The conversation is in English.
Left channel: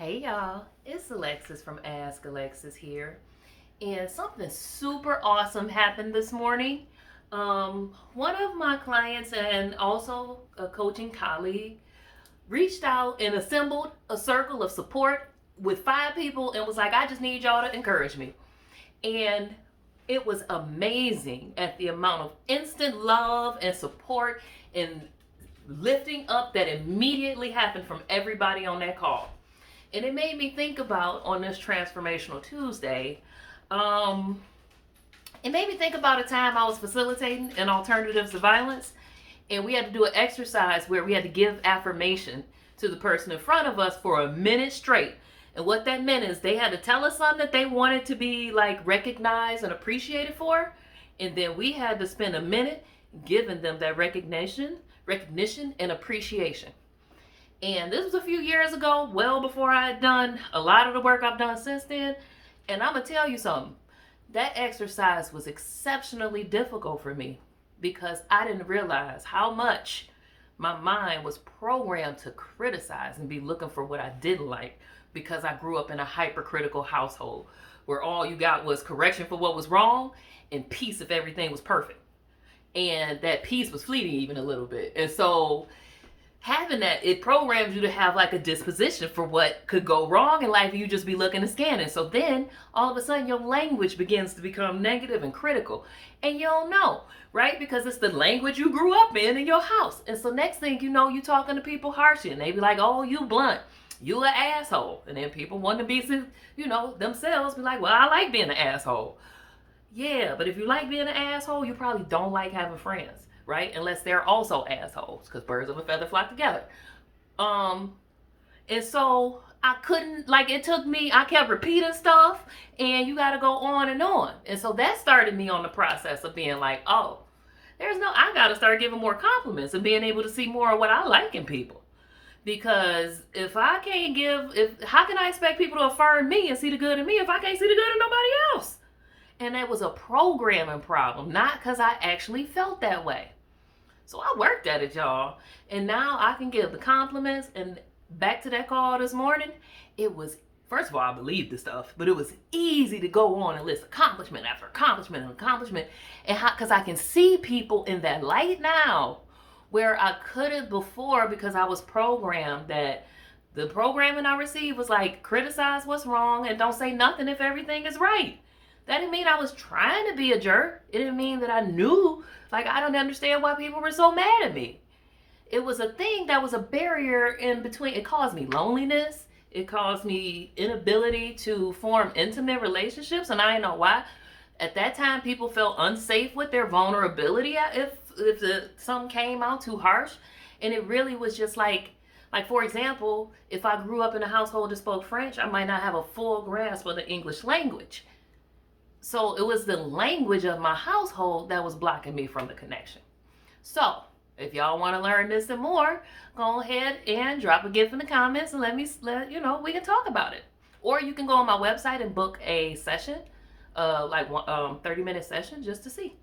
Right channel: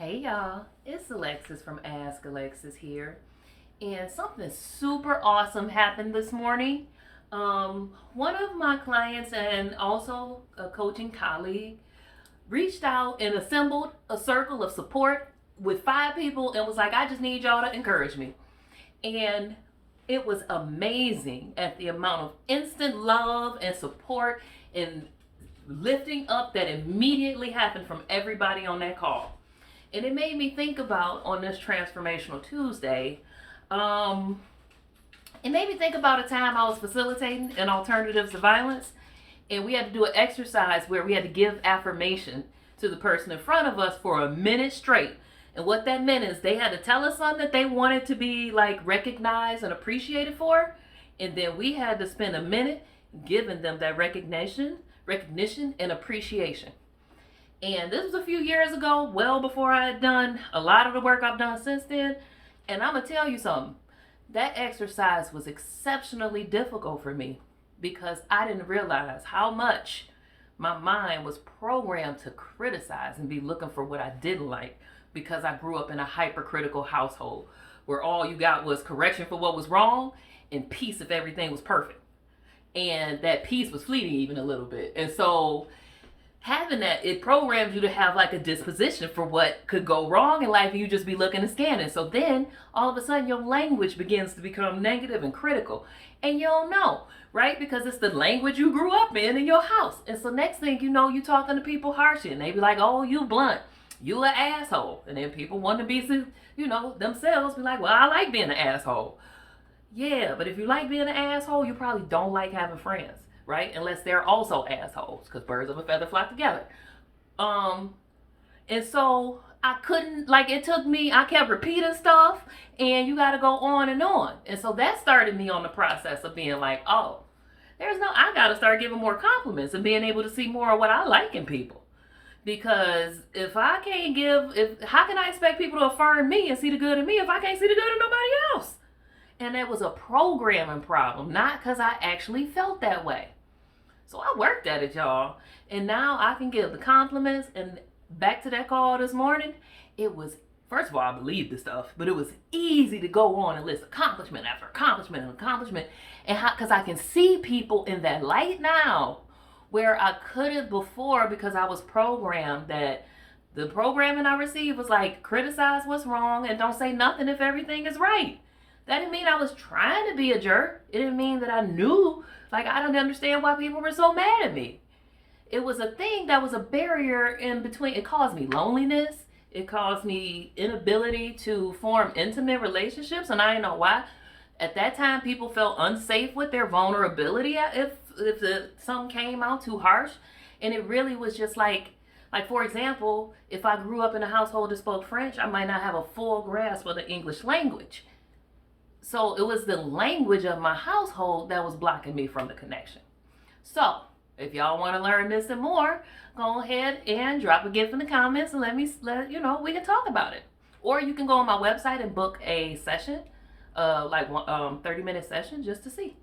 Hey y'all, it's Alexis from Ask Alexis here. And something super awesome happened this morning. One of my clients and also a coaching colleague reached out and assembled a circle of support with 5 people and was like, I just need y'all to encourage me. And it was amazing at the amount of instant love and support and lifting up that immediately happened from everybody on that call. And it made me think about on this Transformational Tuesday, um, it made me think about a time I was facilitating in alternatives to violence, and we had to do an exercise where we had to give affirmation to the person in front of us for a minute straight. And what that meant is they had to tell us something that they wanted to be like recognized and appreciated for, and then we had to spend a minute giving them that recognition and appreciation. And this was a few years ago, well before I had done a lot of the work I've done since then. And I'm going to tell you something. That exercise was exceptionally difficult for me because I didn't realize how much my mind was programmed to criticize and be looking for what I didn't like because I grew up in a hypercritical household where all you got was correction for what was wrong and peace if everything was perfect. And that peace was fleeting even a little bit. And so having that, it programs you to have like a disposition for what could go wrong in life, and you just be looking and scanning. So then all of a sudden your language begins to become negative and critical, and you don't know, right? Because it's the language you grew up in your house. And so next thing you know, you talking to people harshly, and they be like, oh, you blunt, you an asshole. And then people want to be, themselves be like, well, I like being an asshole. Yeah, but if you like being an asshole, you probably don't like having friends, right? Unless they're also assholes, because birds of a feather flock together. And so I couldn't, it took me, I kept repeating stuff, and you got to go on and on. And so that started me on the process of being like, oh, I got to start giving more compliments and being able to see more of what I like in people. Because if I can't how can I expect people to affirm me and see the good in me if I can't see the good in nobody else? And that was a programming problem, not because I actually felt that way. So I worked at it, y'all. And now I can give the compliments. And back to that call this morning, it was, first of all, I believed the stuff, but it was easy to go on and list accomplishment after accomplishment and accomplishment. And because I can see people in that light now, where I couldn't before because I was programmed that the programming I received was like, criticize what's wrong and don't say nothing if everything is right. That didn't mean I was trying to be a jerk. It didn't mean that I knew, I don't understand why people were so mad at me. It was a thing that was a barrier in between. It caused me loneliness. It caused me inability to form intimate relationships, and I didn't know why. At that time, people felt unsafe with their vulnerability if something came out too harsh. And it really was just like for example, if I grew up in a household that spoke French, I might not have a full grasp of the English language. So it was the language of my household that was blocking me from the connection. So if y'all want to learn this and more, go ahead and drop a gift in the comments and we can talk about it. Or you can go on my website and book a session, 30-minute session just to see.